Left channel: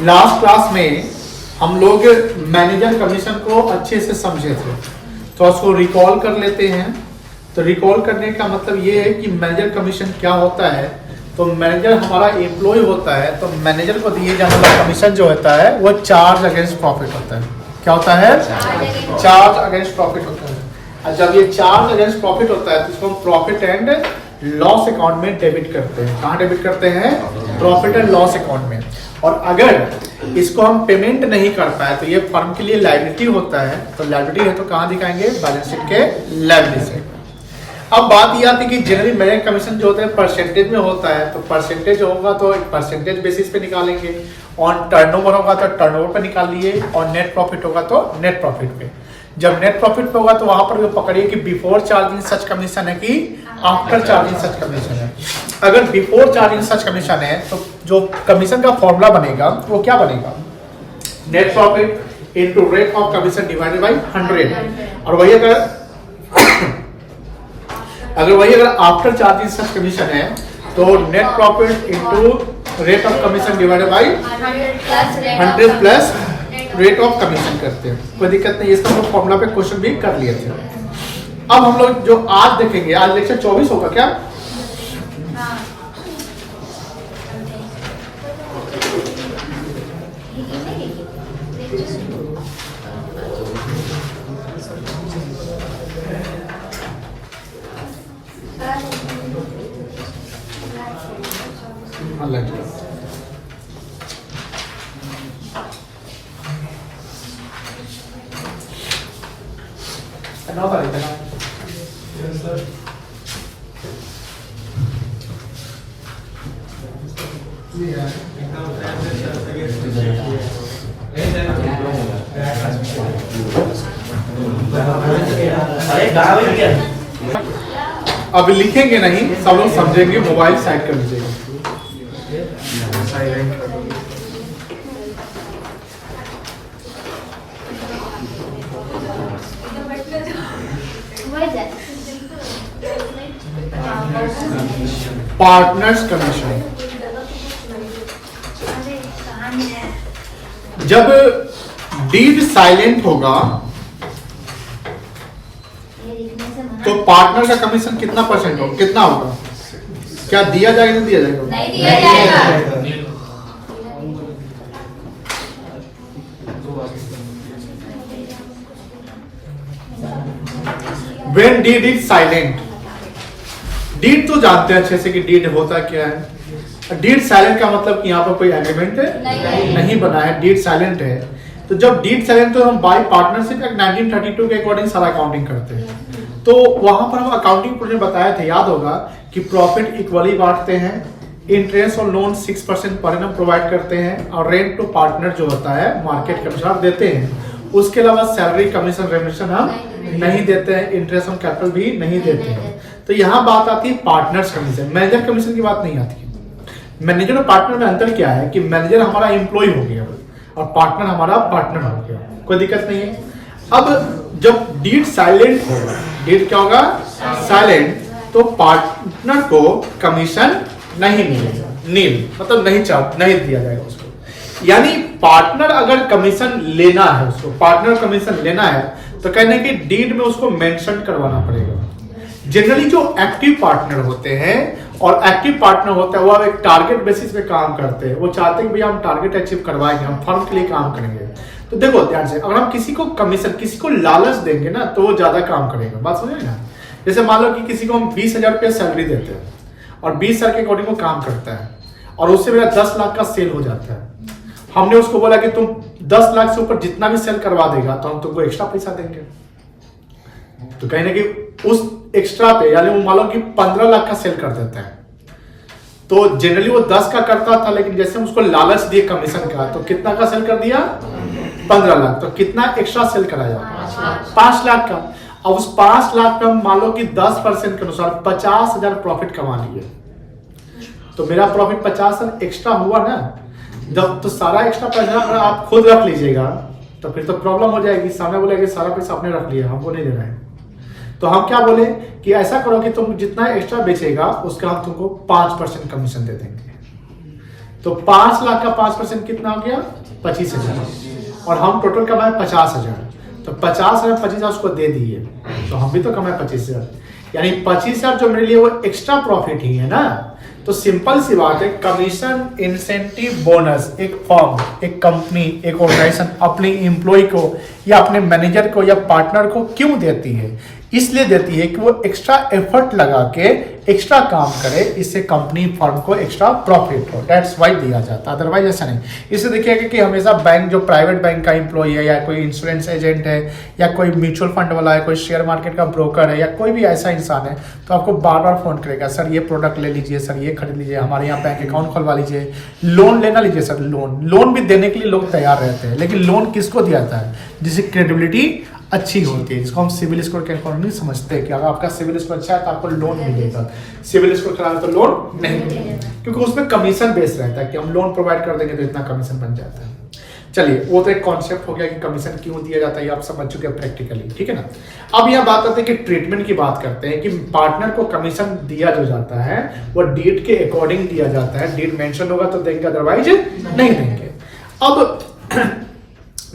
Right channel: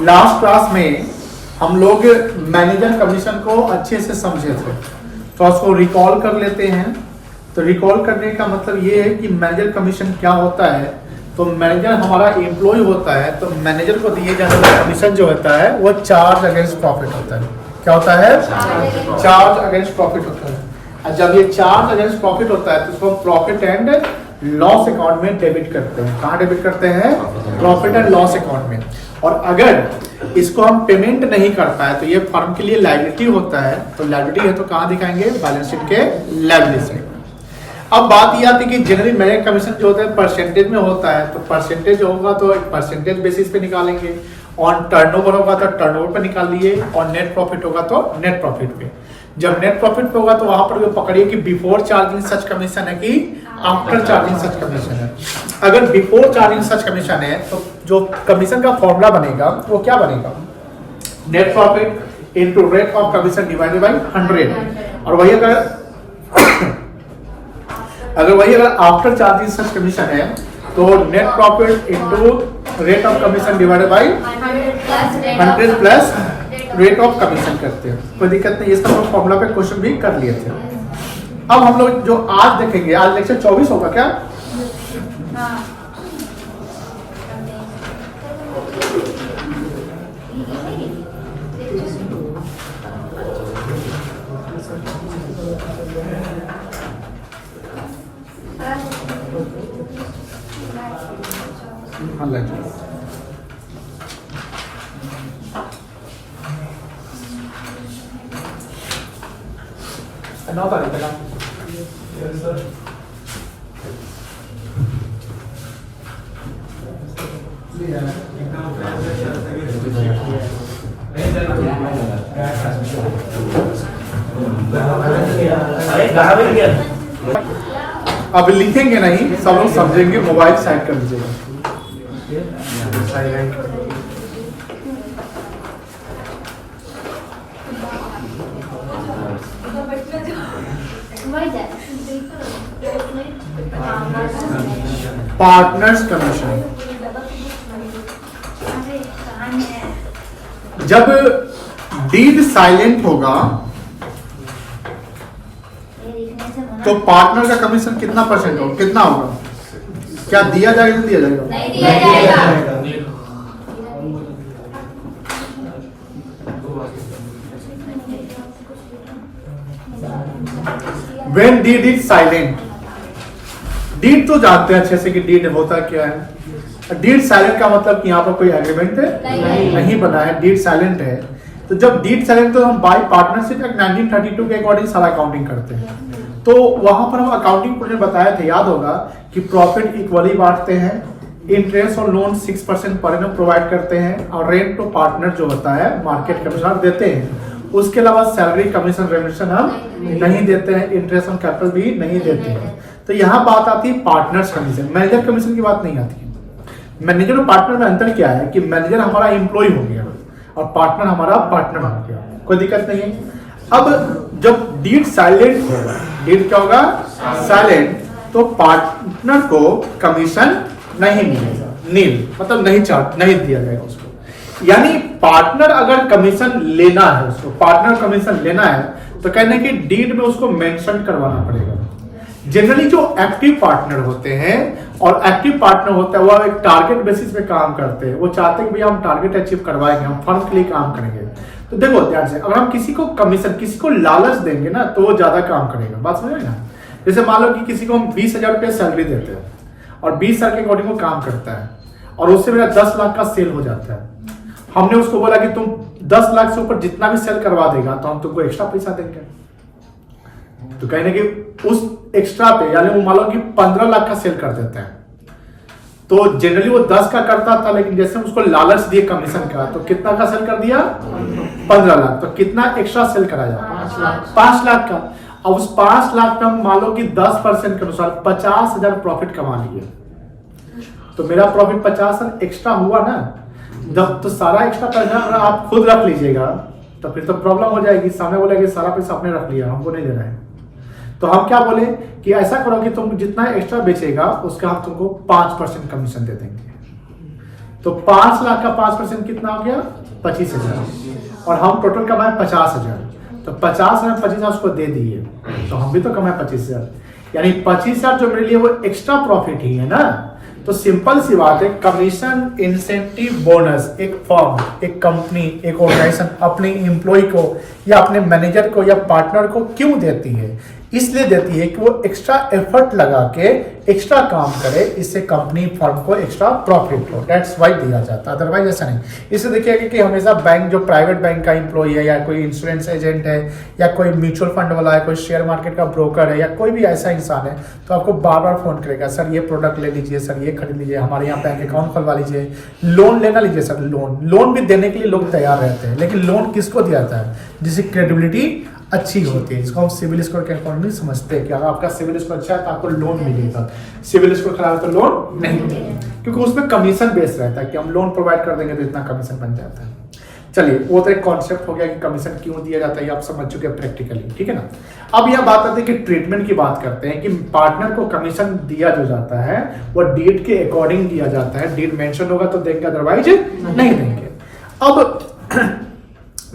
Last class में हम लोग मैनेजर कमीशन को अच्छे से समझे थे, तो उसको रिकॉल कर लेते हैं। तो रिकॉल करने का मतलब ये है कि मैनेजर कमीशन क्या होता है। तो मैनेजर हमारा एम्प्लॉय होता है, तो मैनेजर को दिए जाने वाला कमीशन जो होता है वो चार्ज अगेंस्ट प्रॉफिट होता है। क्या होता है? चार्ज अगेंस्ट प्रॉफिट होता है। और जब ये चार्ज अगेंस्ट प्रॉफिट होता है तो इसको हम प्रॉफिट एंड लॉस अकाउंट में डेबिट करते हैं। कहाँ डेबिट करते हैं? प्रॉफिट एंड लॉस अकाउंट में। और अगर इसको हम पेमेंट नहीं कर पाए तो ये फर्म के लिए लायबिलिटी होता है। तो लायबिलिटी है तो कहाँ दिखाएंगे? बैलेंस शीट के लायबिलिटी से। अब बात यह आती है कि जनरली मैनेजर कमीशन जो होता है परसेंटेज में होता है, तो परसेंटेज होगा तो एक परसेंटेज बेसिस पे निकालेंगे। ऑन टर्नओवर होगा तो टर्नओवर पे निकाल लिए, और नेट प्रॉफिट होगा तो नेट प्रॉफिट पे। जब नेट प्रॉफिट पे होगा तो वहां पर पकड़िए कि बिफोर चार्जिंग सच कमीशन है कि आफ्टर चार्जिंग सच कमीशन है। अगर बिफोर चार्जिंग सच कमीशन है तो जो कमीशन का फॉर्मूला बनेगा वो क्या बनेगा? Net profit into rate of commission divided by 100। और वही अगर आफ्टर चार्जिंग सच कमीशन है तो net profit into rate of commission divided by 100 plus rate of commission करते हैं। कोई दिक्कत नहीं, इसका हम फॉर्मूला पे क्वेश्चन भी कर लिए थे। अब हम लोग जो आज देखेंगे, आज लेक्चर 24 होगा क्या? अब लिखेंगे नहीं, सब लोग समझेंगे। मोबाइल साइड कर लीजिएगा। Partners commission. जब डीड साइलेंट होगा तो पार्टनर का कमीशन कितना परसेंट होगा? कितना होगा? क्या दिया जाएगा? नहीं दिया जाएगा? नहीं दिया जाएगा। When deed is silent, deed तो जानते हैं अच्छे से कि डीड होता क्या है। डीड साइलेंट का मतलब कि यहाँ पर कोई एग्रीमेंट नहीं बना है, डीड साइलेंट है। तो जब डीड साइलेंट तो हम बाय पार्टनरशिप एक्ट 1932 के अकॉर्डिंग सारा अकाउंटिंग करते हैं। तो वहां पर हम अकाउंटिंग प्रोजेक्ट बताया था, याद होगा कि प्रॉफिट इक्वली बांटते हैं, इंटरेस्ट और लोन 6% पर एनम प्रोवाइड करते हैं, और रेंट टू पार्टनर जो होता है मार्केट के अनुसार देते हैं। उसके अलावा सैलरी कमीशन रेमिशन हम नहीं देते हैं, इंटरेस्ट ऑन कैपिटल भी नहीं देते हैं। तो यहाँ बात आती है पार्टनर्स कमीशन, मैनेजर कमीशन की बात नहीं आती है। मैनेजर और पार्टनर में अंतर क्या है कि मैनेजर हमारा एम्प्लॉय हो गया और पार्टनर हमारा पार्टनर हो गया, कोई दिक्कत नहीं है। अब जब डीड साइलेंट होगा, डीड क्या होगा? साइलेंट, तो पार्टनर को कमीशन नहीं मिलेगा, नील मतलब नहीं दिया जाएगा उसको। यानी पार्टनर अगर कमीशन लेना है, उसको पार्टनर कमीशन लेना है तो कहने की डीड में उसको मेंशन करवाना पड़ेगा। जनरली जो एक्टिव पार्टनर होते हैं, और एक्टिव पार्टनर होता है वो एक टारगेट बेसिस पे काम करते हैं। वो चाहते हैं कि भैया हम टारगेट अचीव करवाएंगे, हम फर्म के लिए काम करेंगे। तो देखो ध्यान से, अगर हम किसी को कमीशन, किसी को लालच देंगे ना तो वो ज्यादा काम करेगा। बात समझ ना? जैसे मान लो कि किसी को हम 20,000 रुपये सैलरी देते हैं और 20 साल के अकॉर्डिंग वो काम करता है, और उससे मेरा 10 लाख का सेल हो जाता है। हमने उसको बोला कि तुम 10 लाख से ऊपर जितना भी सेल करवा देगा तो हम तुमको एक्स्ट्रा पैसा देंगे। तो कहीं ना कहीं उस एक्स्ट्रा पे, यानी वो मान लो कि 15 लाख का सेल कर देता है, तो जनरली वो 10 का करता था, लेकिन जैसे उसको लालच दिए कमीशन का तो कितना का सेल कर दिया? 15 लाख। तो कितना एक्स्ट्रा सेल कराया? 5 लाख का। अब उस 5 लाख में मान लो कि 10% के अनुसार 50,000 प्रॉफिट कमा लिए, तो मेरा प्रॉफिट 50,000 एक्स्ट्रा हुआ ना। जब तो सारा एक्स्ट्रा पैसा अगर आप खुद रख लीजिएगा तो फिर तो प्रॉब्लम हो जाएगी। सामने बोलेगा कि सारा पैसा आपने रख लिया, हमको नहीं देना है। तो हम क्या बोले कि ऐसा करो कि तुम जितना एक्स्ट्रा बेचेगा उसका हम तुमको 5% कमीशन दे देंगे। तो 5 लाख का 5% कितना हो गया? 25,000। और हम टोटल कमाए 50,000, तो 50,000 25,000 उसको दे दिए, तो हम भी तो कमाए 25,000, यानी 25,000 जो मेरे लिए वो एक्स्ट्रा प्रॉफिट ही है ना। तो सिंपल सी बात है, कमीशन, इंसेंटिव, बोनस एक फर्म, एक कंपनी, एक ऑर्गेनाइजेशन अपने एम्प्लॉय को या अपने मैनेजर को या पार्टनर को क्यों देती है? इसलिए देती है कि वो एक्स्ट्रा एफर्ट लगा के एक्स्ट्रा काम करे, इससे कंपनी फर्म को एक्स्ट्रा प्रॉफिट हो, दैट्स वाई दिया जाता है, अदरवाइज ऐसा नहीं। इससे देखिएगा कि हमेशा बैंक, जो प्राइवेट बैंक का एम्प्लॉय है या कोई इंश्योरेंस एजेंट है या कोई म्यूचुअल फंड वाला है, कोई शेयर मार्केट का ब्रोकर है या कोई भी ऐसा इंसान है, तो आपको बार बार फोन करेगा, सर ये प्रोडक्ट ले लीजिए, सर ये खरीद लीजिए, हमारे यहाँ बैंक अकाउंट खुलवा लीजिए, लोन लेना लीजिए सर। लोन भी देने के लिए लोग तैयार रहते हैं, लेकिन लोन किसको दिया जाता है? जिसकी क्रेडिबिलिटी अच्छी होती है, जिसको हम सिविल स्कोर के अकॉर्डिंग नहीं समझते कि अगर आपका सिविल स्कोर अच्छा है तो आपको लोन मिलेगा, सिविल स्कोर खराब है तो लोन नहीं मिलेगा, क्योंकि उसमें कमीशन बेस रहता है कि हम लोन प्रोवाइड कर देंगे तो इतना कमीशन बन जाता है। चलिए, वो तो एक कॉन्सेप्ट हो गया कि कमीशन क्यों दिया जाता है, ये आप समझ चुके हैं प्रैक्टिकली, ठीक है ना। अब यहाँ बात आती है कि ट्रीटमेंट की बात करते हैं कि पार्टनर को कमीशन दिया जो जाता है वो डीड के अकॉर्डिंग दिया जाता है, डीड मेंशन होगा तो देंगे, अदरवाइज नहीं देंगे। अब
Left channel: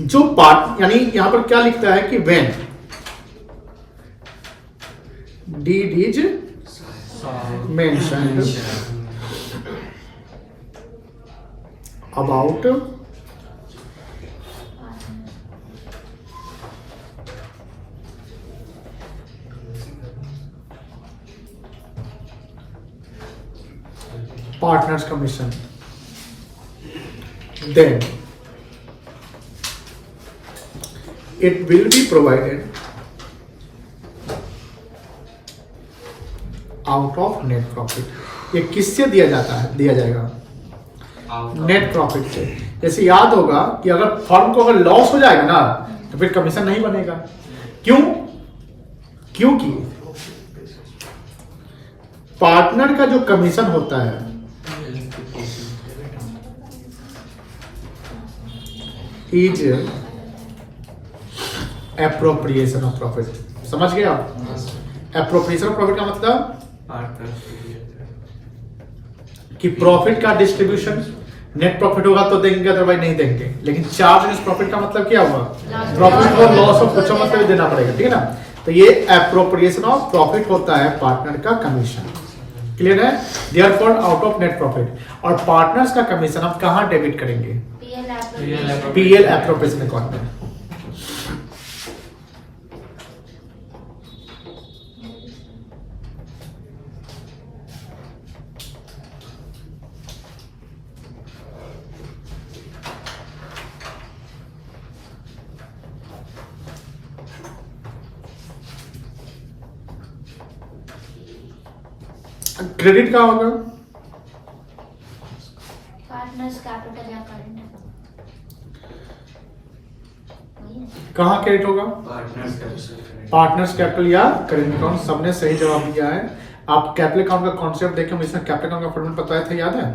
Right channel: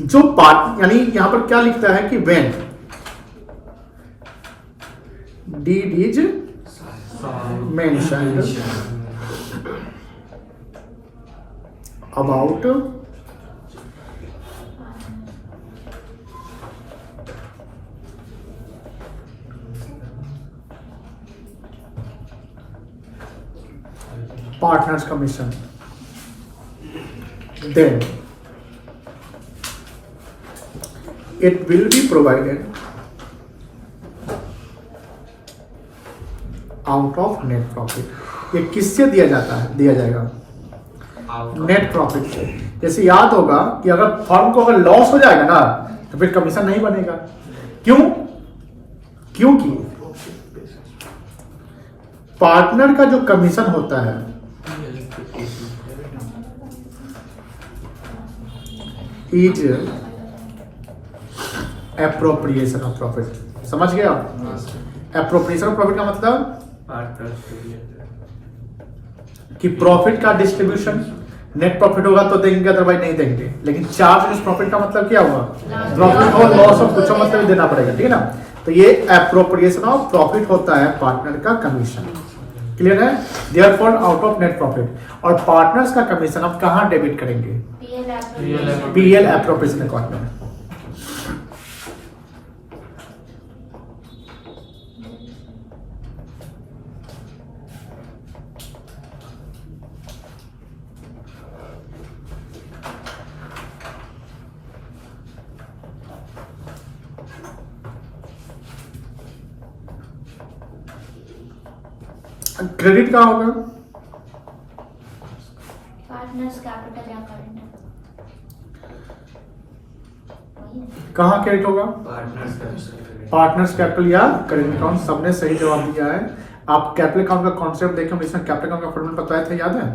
जो पार्ट, यानी यहां पर क्या लिखता है कि when deed is mentioned about partners commission, then it will be provided out of net profit। ये किससे दिया जाता है? दिया जाएगा नेट प्रॉफिट से। जैसे याद होगा कि अगर फर्म को अगर लॉस हो जाएगा ना तो फिर कमीशन नहीं बनेगा। क्यों? क्योंकि पार्टनर का जो कमीशन होता है इज एप्रोप्रिएशन ऑफ प्रॉफिट। समझ गए आप? एप्रोप्रिएशन ऑफ प्रॉफिट का मतलब कि प्रॉफिट का डिस्ट्रीब्यूशन, नेट प्रॉफिट होगा तो देंगे, अदरवाइज नहीं देंगे। लेकिन चार्ज अगेंस्ट प्रॉफिट का मतलब क्या हुआ? प्रॉफिट और लॉस ऑफ कुछ मतलब देना पड़ेगा, ठीक है ना। तो ये एप्रोप्रिएशन ऑफ प्रॉफिट होता है पार्टनर का कमीशन। क्लियर है? Therefore out of net profit. और पार्टनर्स का कमीशन आप कहां डेबिट करेंगे? पीएल एप्रोप्रिएशन अकाउंट में। क्रेडिट कहाँ होगा? पार्टनर्स कैपिटल या करंट। कहाँ क्रेडिट होगा? पार्टनर्स कैपिटल या करेंट अकाउंट। सबने सही जवाब दिया है। आप कैपिटल अकाउंट का कॉन्सेप्ट देखें, हम इसमें कैपिटल अकाउंट का फॉर्मूला बताया था, याद है?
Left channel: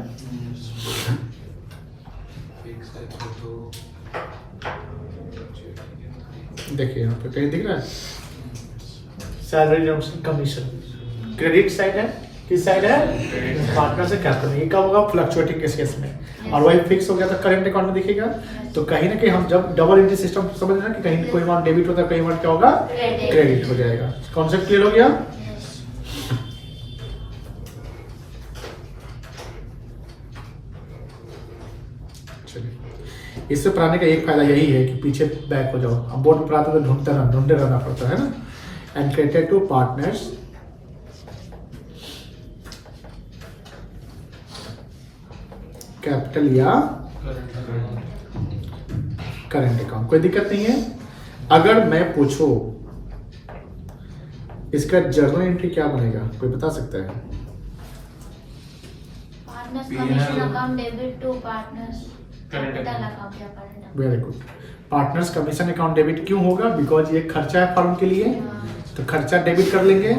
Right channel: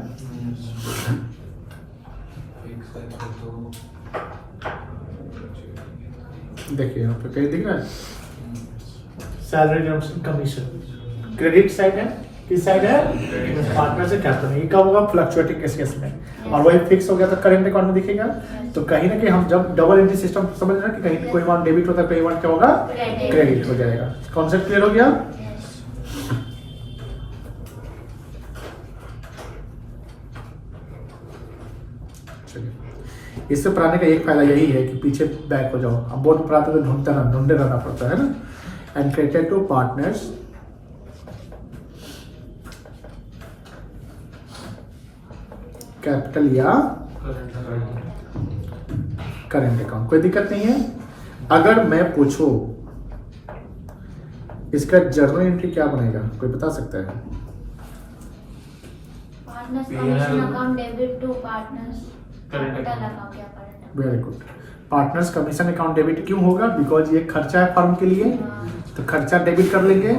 देखिए यहाँ पे कहीं दिख रहा है सैलरी कमीशन। क्रेडिट साइड है, किस साइड है? पार्टनर से कैपिटल। ये कब होगा? फ्लक्चुएटिंग केस में। और वही फिक्स हो गया तो करंट अकाउंट में दिखेगा। तो कहीं ना कहीं हम जब डबल एंट्री सिस्टम समझ रहे हैं कि कहीं कोई अमाउंट डेबिट होता है, कोई अमाउंट क्या होगा? क्रेडिट हो जाएगा। कॉन्सेप्ट क्लियर हो गया? चलिए, इससे पढ़ाने का एक फायदा यही है कि पीछे बैक हो जाओ। अब बोर्ड पर पढ़ाते तो ढूंढते रहना पड़ता है ना। And credited to partners capital या करंट अकाउंट। कोई दिक्कत नहीं है। अगर मैं पूछूं इसका जर्नल एंट्री क्या बनेगा, कोई बता सकता है? Partners commission account debit to partners capital account या current. Very good. Partners commission account debit क्यों होगा? बिकॉज ये खर्चा है फर्म के लिए, तो खर्चा डेबिट कर लेंगे।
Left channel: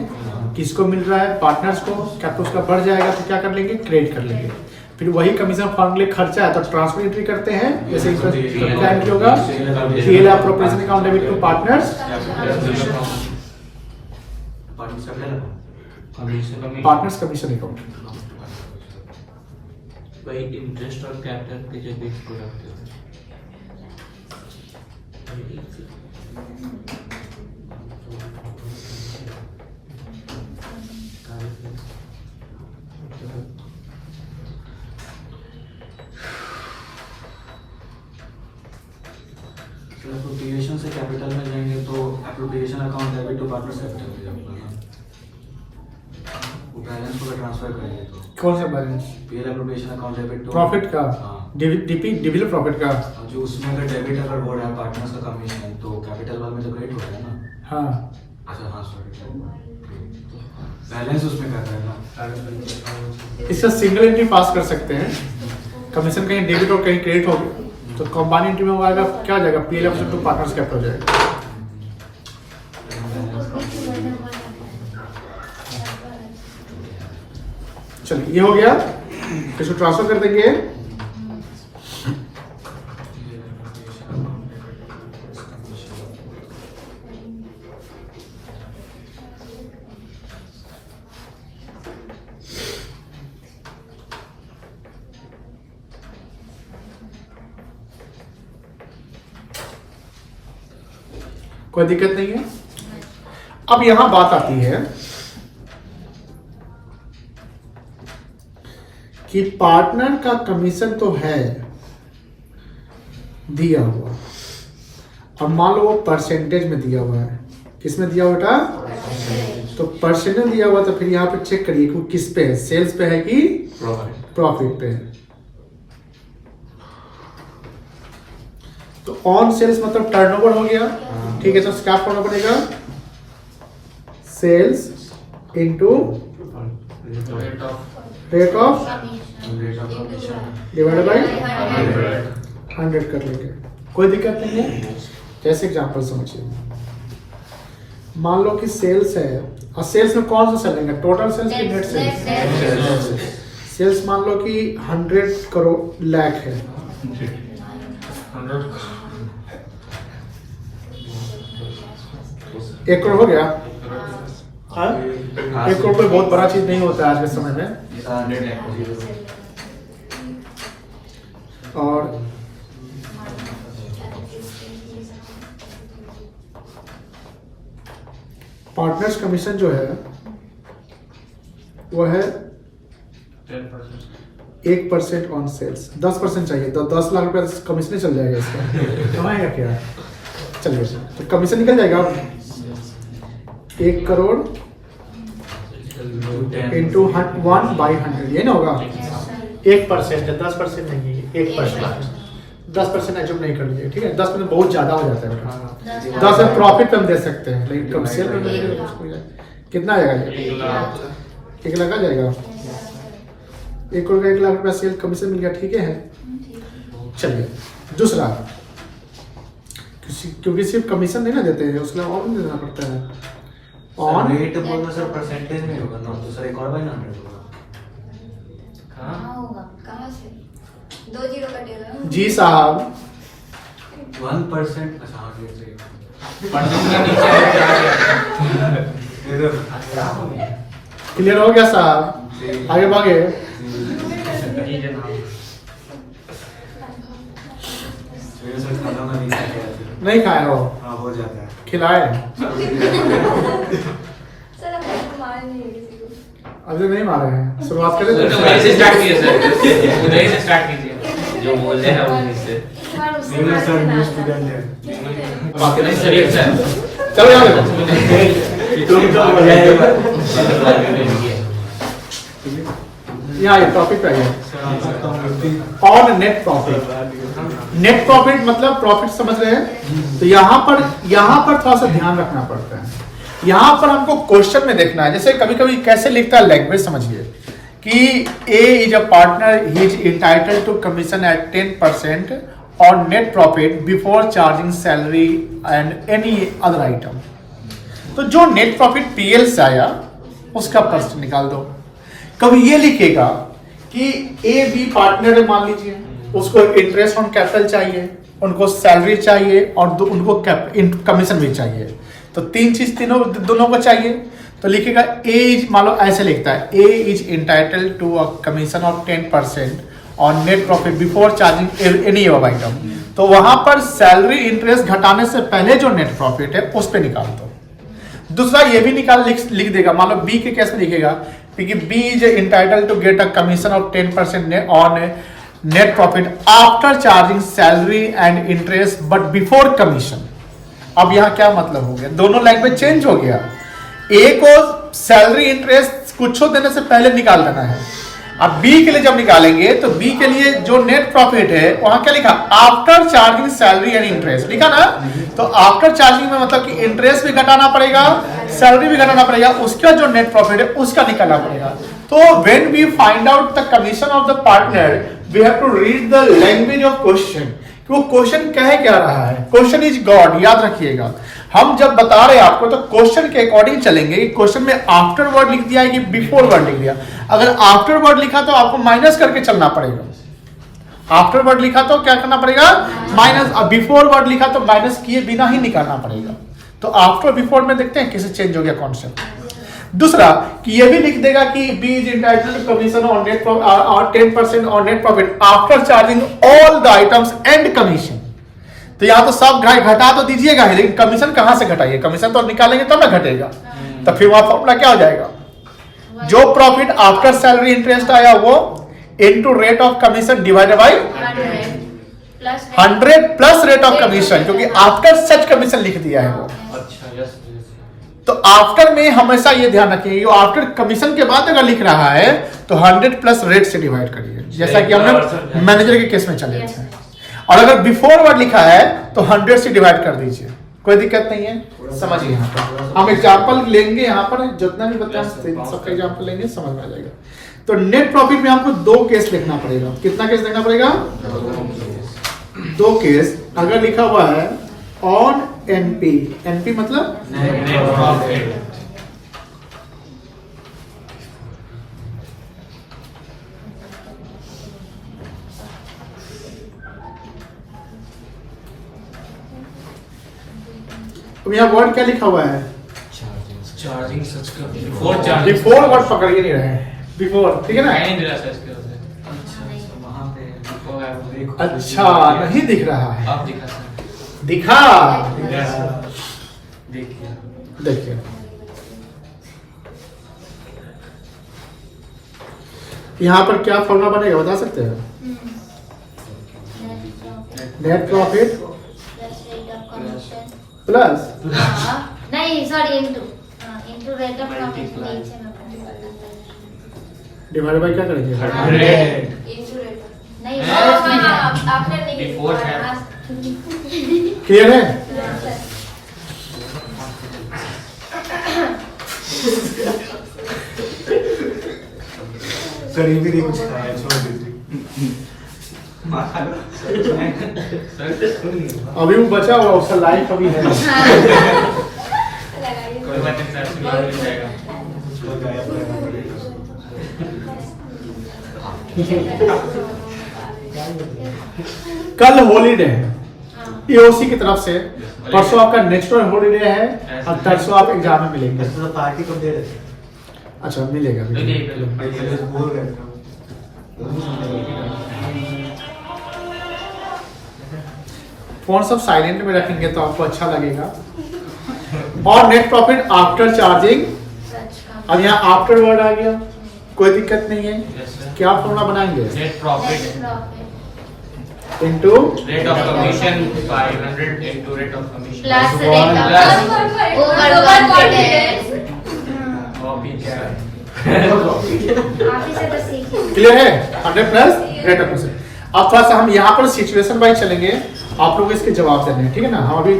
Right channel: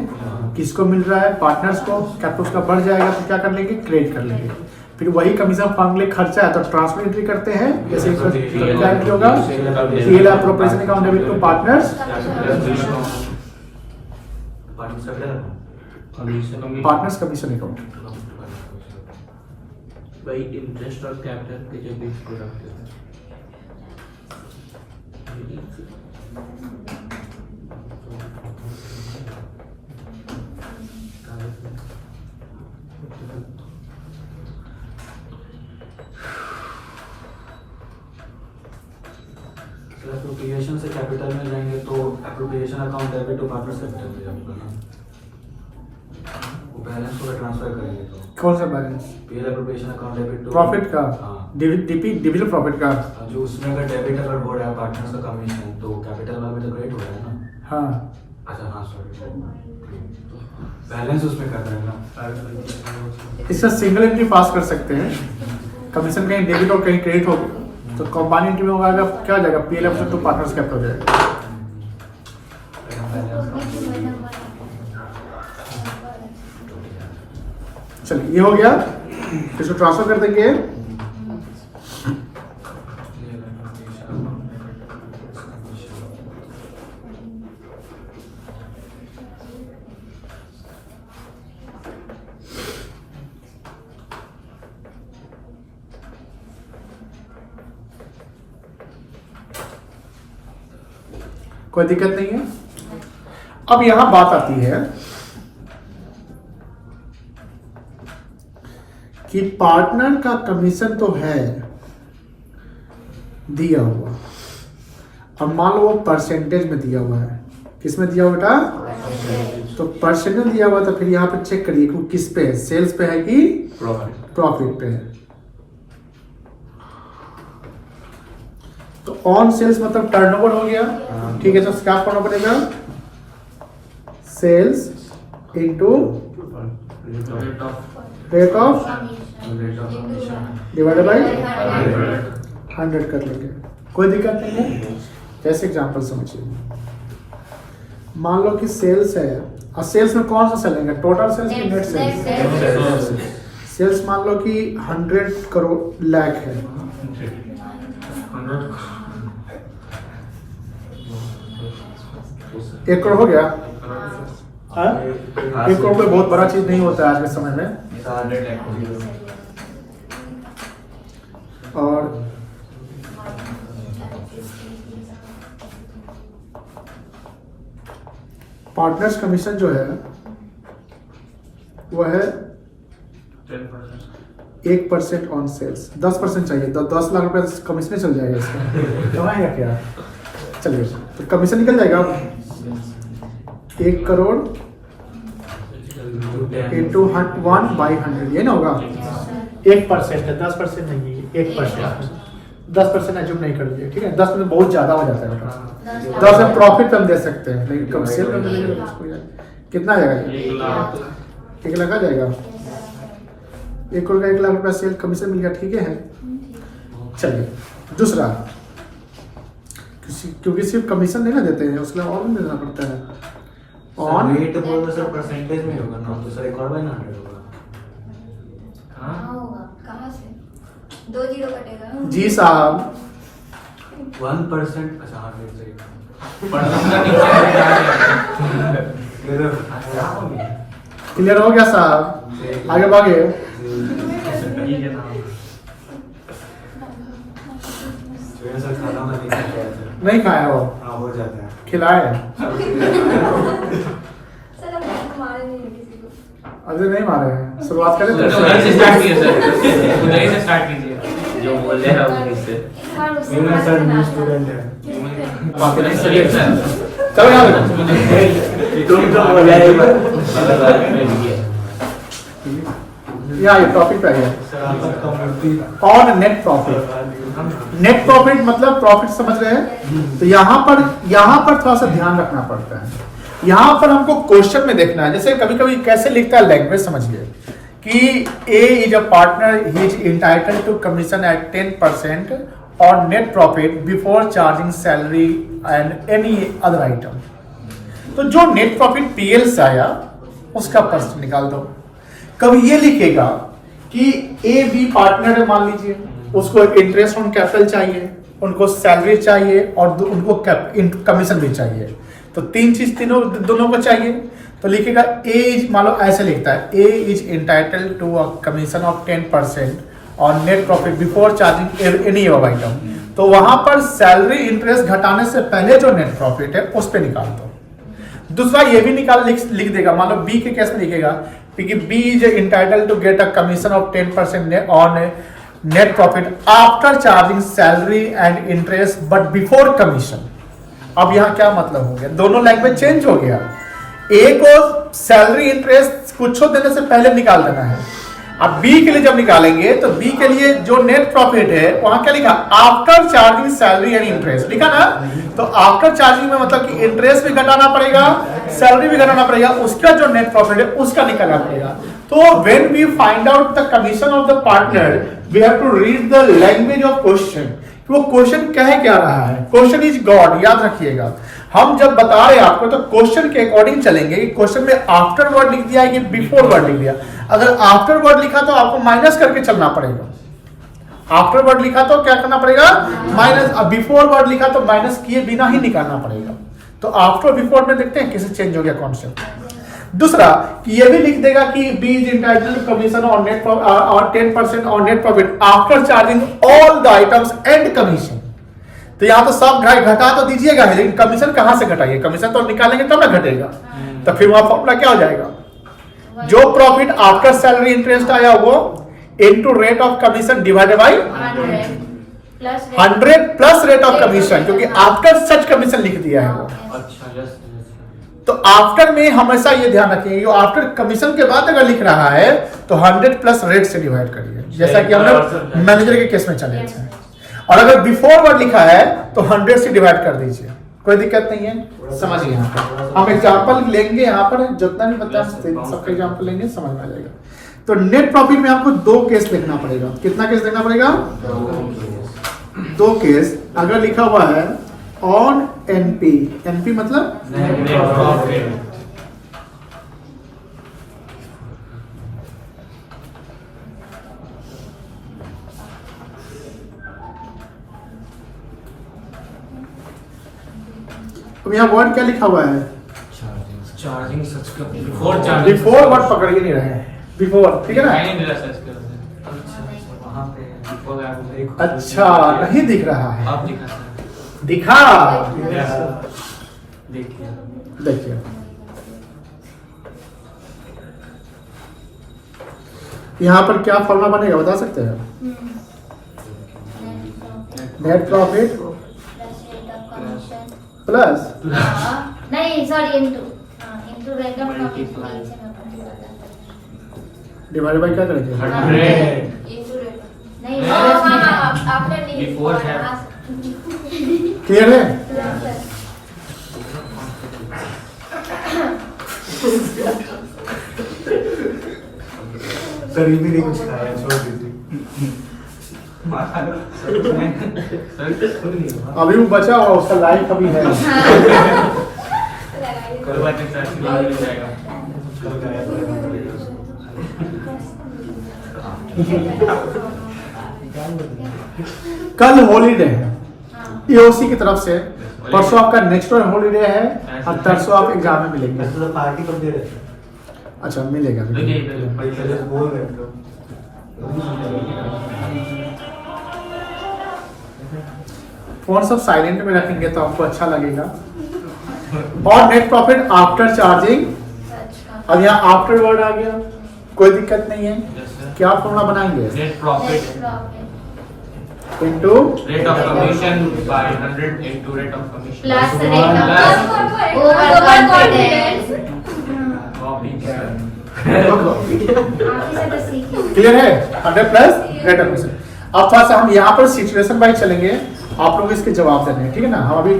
किसको मिल रहा है? पार्टनर्स को। कैपिटल उसका बढ़ जाएगा तो क्या कर लेंगे? क्रेडिट कर लेंगे। फिर वही कमीशन फर्म के लिए खर्चा है तो ट्रांसफर एंट्री करते हैं। जैसे क्या एंट्री होगा? PL appropriation account debit to partners commission account. by interest or capital के जो बीच प्रोडक्ट है एप्रोप्रिएशन से कैपिटल में जाएंगे तो appropriation account debit to partners capital में जाऊंगा ना, वो बैलेंस को ट्रांसफर करेंगे तो कौन सा balance? PL appropriation account debit to profit का, हाँ। डिविडेंड प्रॉफिट का। जो उसमें अगर डेबिट अगर हो रहा है पार्टनर्स का कमीशन तो कैपिटल वाले में तो क्रेडिट हो रहा है ना। हाँ, अच्छा हाँ सॉरी, बैलेंस उसमें करना है ना। इससे सिंगल एंट्री पास कर सकते हैं। कमीशन कहीं डेबिट और कहीं क्रेडिट हो गया तो कंबाइन एंट्री में होगा क्या हो जाएगा? पीएल टू पार्टनर्स कैपिटल हो जाएगा। चलिए ये हो गया, इसको ट्रांसफर कर देंगे। कोई दिक्कत नहीं है। अब यहां बात आती है कि पार्टनर का कमीशन तो है दिया हुआ, अब मान लो वो परसेंटेज में दिया हुआ है। किस में दिया हुआ बेटा? तो परसेंटेज दिया हुआ, तो फिर यहां पे चेक करिए कि किस पे है, सेल्स पे है कि प्रॉफिट पे है। तो ऑन सेल्स मतलब टर्नओवर हो गया, ठीक है। तो क्या करना पड़ेगा? Sales into rate of divided by 100 कर लेंगे, कोई दिक्कत नहीं है। जैसे एग्जांपल समझिए, मान लो कि सेल्स है, और सेल्स में कौन सा सेल लेंगे? टोटल सेल्स की नेट सेल्स? सेल्स मान लो कि 100 करोड़ लाख है, 1 करोड़ हो गया। हाँ, 1 करोड़ कोई बहुत बड़ा चीज नहीं होता है आज के समय में। और पार्टनर्स कमीशन जो है वो है 1% ऑन सेल्स। 10% चाहिए, 10 लाख रुपए कमीशन चल जाएगा इसका। कमाएगा क्या? चलिए, तो कमीशन निकल जाएगा 1 करोड़ इंटू 1/100, ये ना होगा। 1% है, 10% नहीं है, 1%। 10% एज्यूम नहीं कर लीजिए, ठीक है। 10% बहुत ज्यादा हो जाता है बेटा। 10 में प्रॉफिट हम दे सकते हैं, लेकिन कम सेल में मिलेगा तो उसको कितना आ जाएगा? 1 लाख आ जाएगा। 1 करोड़ का 1 लाख रुपया सेल कमीशन मिल गया, ठीक है। चलिए दूसरा, क्योंकि सिर्फ कमीशन नहीं ना देते हैं, उसके लिए और भी देना पड़ता है। ऑन रेट बोल दो सर, परसेंटेज में होगा ना, तो सर 1 और 100 होगा। होगा कहाँ से? 2 जीरो कटेगा। जी साहब, 1%। अच्छा हाँ, रेट सही। क्लियर हो गया साहब? आगे भागे। सर खाना में नहीं खाया है। नहीं खाया हो? हाँ हो जाता है। खिलाए? सर अब तक मारे नहीं किसी को। अभी नहीं मारे हैं, शुरुआत करें। जो बोल रहे हैं उससे मेरा सर न्यू स्टूडेंट है। बाकी नहीं सर एक चलो यहाँ देखो, तुम तो बोला है यहाँ ये टॉपिक पे है on net profit. Net profit मतलब प्रॉफिट, समझ रहे हैं? तो यहाँ पर थोड़ा सा ध्यान रखना पड़ता है। यहाँ पर हमको क्वेश्चन में देखना है, जैसे कभी कभी कैसे लिखता है लैंग्वेज, समझिए कि A is a partner, he is entitled to commission at 10% on net profit before charging salary and any other item। तो जो नेट प्रॉफिट पीएल से आया उसका परसेंट निकाल दो। कभी ये लिखेगा कि ए बी पार्टनर है, मान लीजिए, उसको इंटरेस्ट ऑन कैपिटल चाहिए, उनको सैलरी चाहिए और उनको कमीशन भी चाहिए। तो 3 चीज दोनों को चाहिए। तो लिखेगा ए इज, मान लो ऐसे लिखता है, A is entitled to a commission of 10% और net profit before charging any अब आइटम, तो वहां पर सैलरी इंटरेस्ट घटाने से पहले जो नेट प्रॉफिट है उस पे निकाल दो। दूसरा ये भी लिख देगा, मान लो बी के केस में लिखेगा कि B is entitle to get a commission of 10% on net profit after charging salary and interest but before commission. अब यहां क्या मतलब हो गया, दोनों लैंग्वेज चेंज हो गया। ए को सैलरी इंटरेस्ट कुछ देने से पहले निकाल देना है, अब बी के लिए जब निकालेंगे तो बी के लिए जो नेट प्रॉफिट है वहां क्या लिखा, after charging salary and interest लिखा ना। तो आफ्टर चार्जिंग में मतलब कि इंटरेस्ट भी घटाना पड़ेगा, सैलरी भी घटाना पड़ेगा, उसका जो नेट प्रॉफिट है उसका निकालना पड़ेगा। तो when we find out the commission of the partner we have to read the language of question, वो क्वेश्चन कह क्या रहा है। क्वेश्चन इज गॉड, याद रखिएगा। हम जब बता रहे हैं आपको तो क्वेश्चन के अकॉर्डिंग चलेंगे। क्वेश्चन में आफ्टर वर्ड लिख दिया है कि बिफोर वर्ड लिख दिया। अगर आफ्टर वर्ड लिखा तो आपको माइनस करके चलना पड़ेगा। आफ्टर वर्ड लिखा तो क्या करना पड़ेगा, माइनस। बिफोर वर्ड लिखा तो माइनस किए बिना ही निकालना पड़ेगा। तो आफ्टर बिफोर में देखते हैं कैसे चेंज हो गया कॉन्सेप्ट। दूसरा कि ये भी लिख देगा कि B is entitled to commission on net और 10% on net profit after charging all the items and commission. तो यहां तो सब घटा तो दीजिएगा, लेकिन कमीशन कहां से घटाइए, कमीशन तो निकालेंगे तब ना घटेगा। तो फिर वहां फॉर्मूला क्या हो जाएगा, जो प्रॉफिट आफ्टर सैलरी इंटरेस्ट आया वो into rate of commission divided by 100 plus rate of commission, क्योंकि आफ्टर सच कमीशन लिख दिया है वो। अच्छा, यस। तो आफ्टर में हमेशा ये ध्यान रखिए, आफ्टर कमीशन के बाद अगर लिख रहा है तो 100 प्लस रेट से डिवाइड करिए, जैसा कि हमने मैनेजर के केस में चले थे। और अगर बिफोर वर्ड लिखा है तो 100 से डिवाइड कर दीजिए, कोई दिक्कत नहीं है। समझिए यहाँ पर हम एग्जाम्पल लेंगे, यहाँ पर जितना भी बताया सबका एग्जाम्पल लेंगे, समझ में आ जाएगा। तो नेट प्रॉफिट में आपको 2 केस लिखना पड़ेगा। कितना केस लिखना पड़ेगा, 2 केस। अगर लिखा हुआ है ऑन एनपी, एनपी मतलब तो यहाँ वर्ड क्या लिखा हुआ है, चार्जिंग सच का बिफोर वर्ड पकड़ के नहीं रहे, बिफोर, ठीक है ना। वहां पे अच्छा नहीं दिख रहा है, आप दिखा दिखा, देखिए देखिए यहाँ पर क्या फॉर्मूला बनेगा बता सकते हैं, नेट प्रॉफिट प्लस नहीं sorry into rate of profit divide by क्या करेंगे, नहीं आपने नहीं Before है। क्लियर है। करीबी नहीं कुछ खाया, छोड़ दीजिए। अभी वो बचा हुआ उसका लाइफ अभी है। कोई बात नहीं सर, मिल जाएगा। कल हॉलीडे है ईओसी की तरफ से, परसों आपका नेचुरल हॉलीडे है और परसों आप एग्जाम में मिलेंगे। तो पार्टी कब दे रहे थे? अच्छा मिलेगा, बोल रहे थे। फोन सब साइलेंट में रखेंगे तो आपको अच्छा लगेगा। और नेट प्रॉफिट आफ्टर चार्जिंग, अब यहाँ आफ्टर वर्ड आ गया, कोई दिक्कत नहीं है। क्या फॉर्मूला बनाएंगे, net profit into rate of commission by 100 into rate of commission plus rate of over confidence. Clear है, 100 प्लस रेट ऑफ कमीशन। अब थोड़ा सा हम यहाँ पर सिचुएशन वाइज चलेंगे, आप लोग इसके जवाब देने हैं, ठीक है ना। हम अभी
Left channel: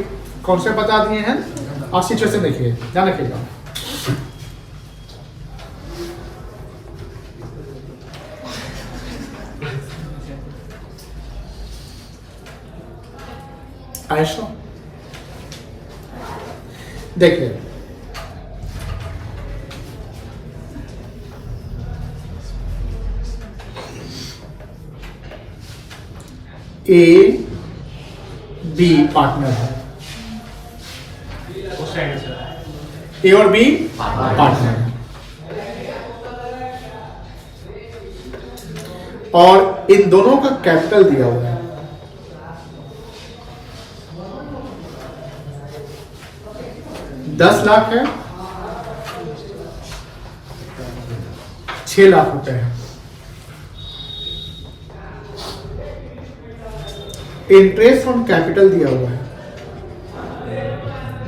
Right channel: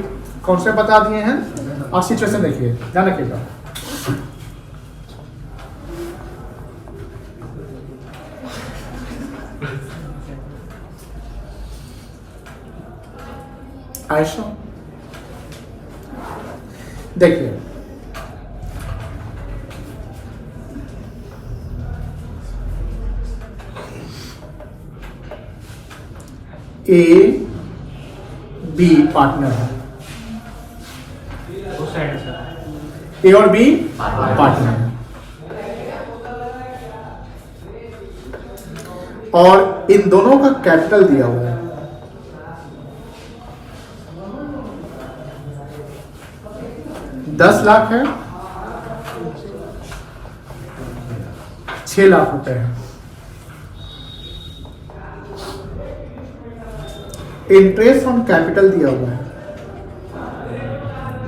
कॉन्सेप्ट बता दिए हैं और सिचुएशन देखिए, ध्यान रखिएगा। आयशा देखिए, ए बी पार्टनर है, उस साइड से ए और बी पार्टनर है। और इन दोनों का कैपिटल दिया हुआ है। ₹10 लाख है, 6 लाख रुपए है। इंटरेस्ट ऑन कैपिटल दिया हुआ है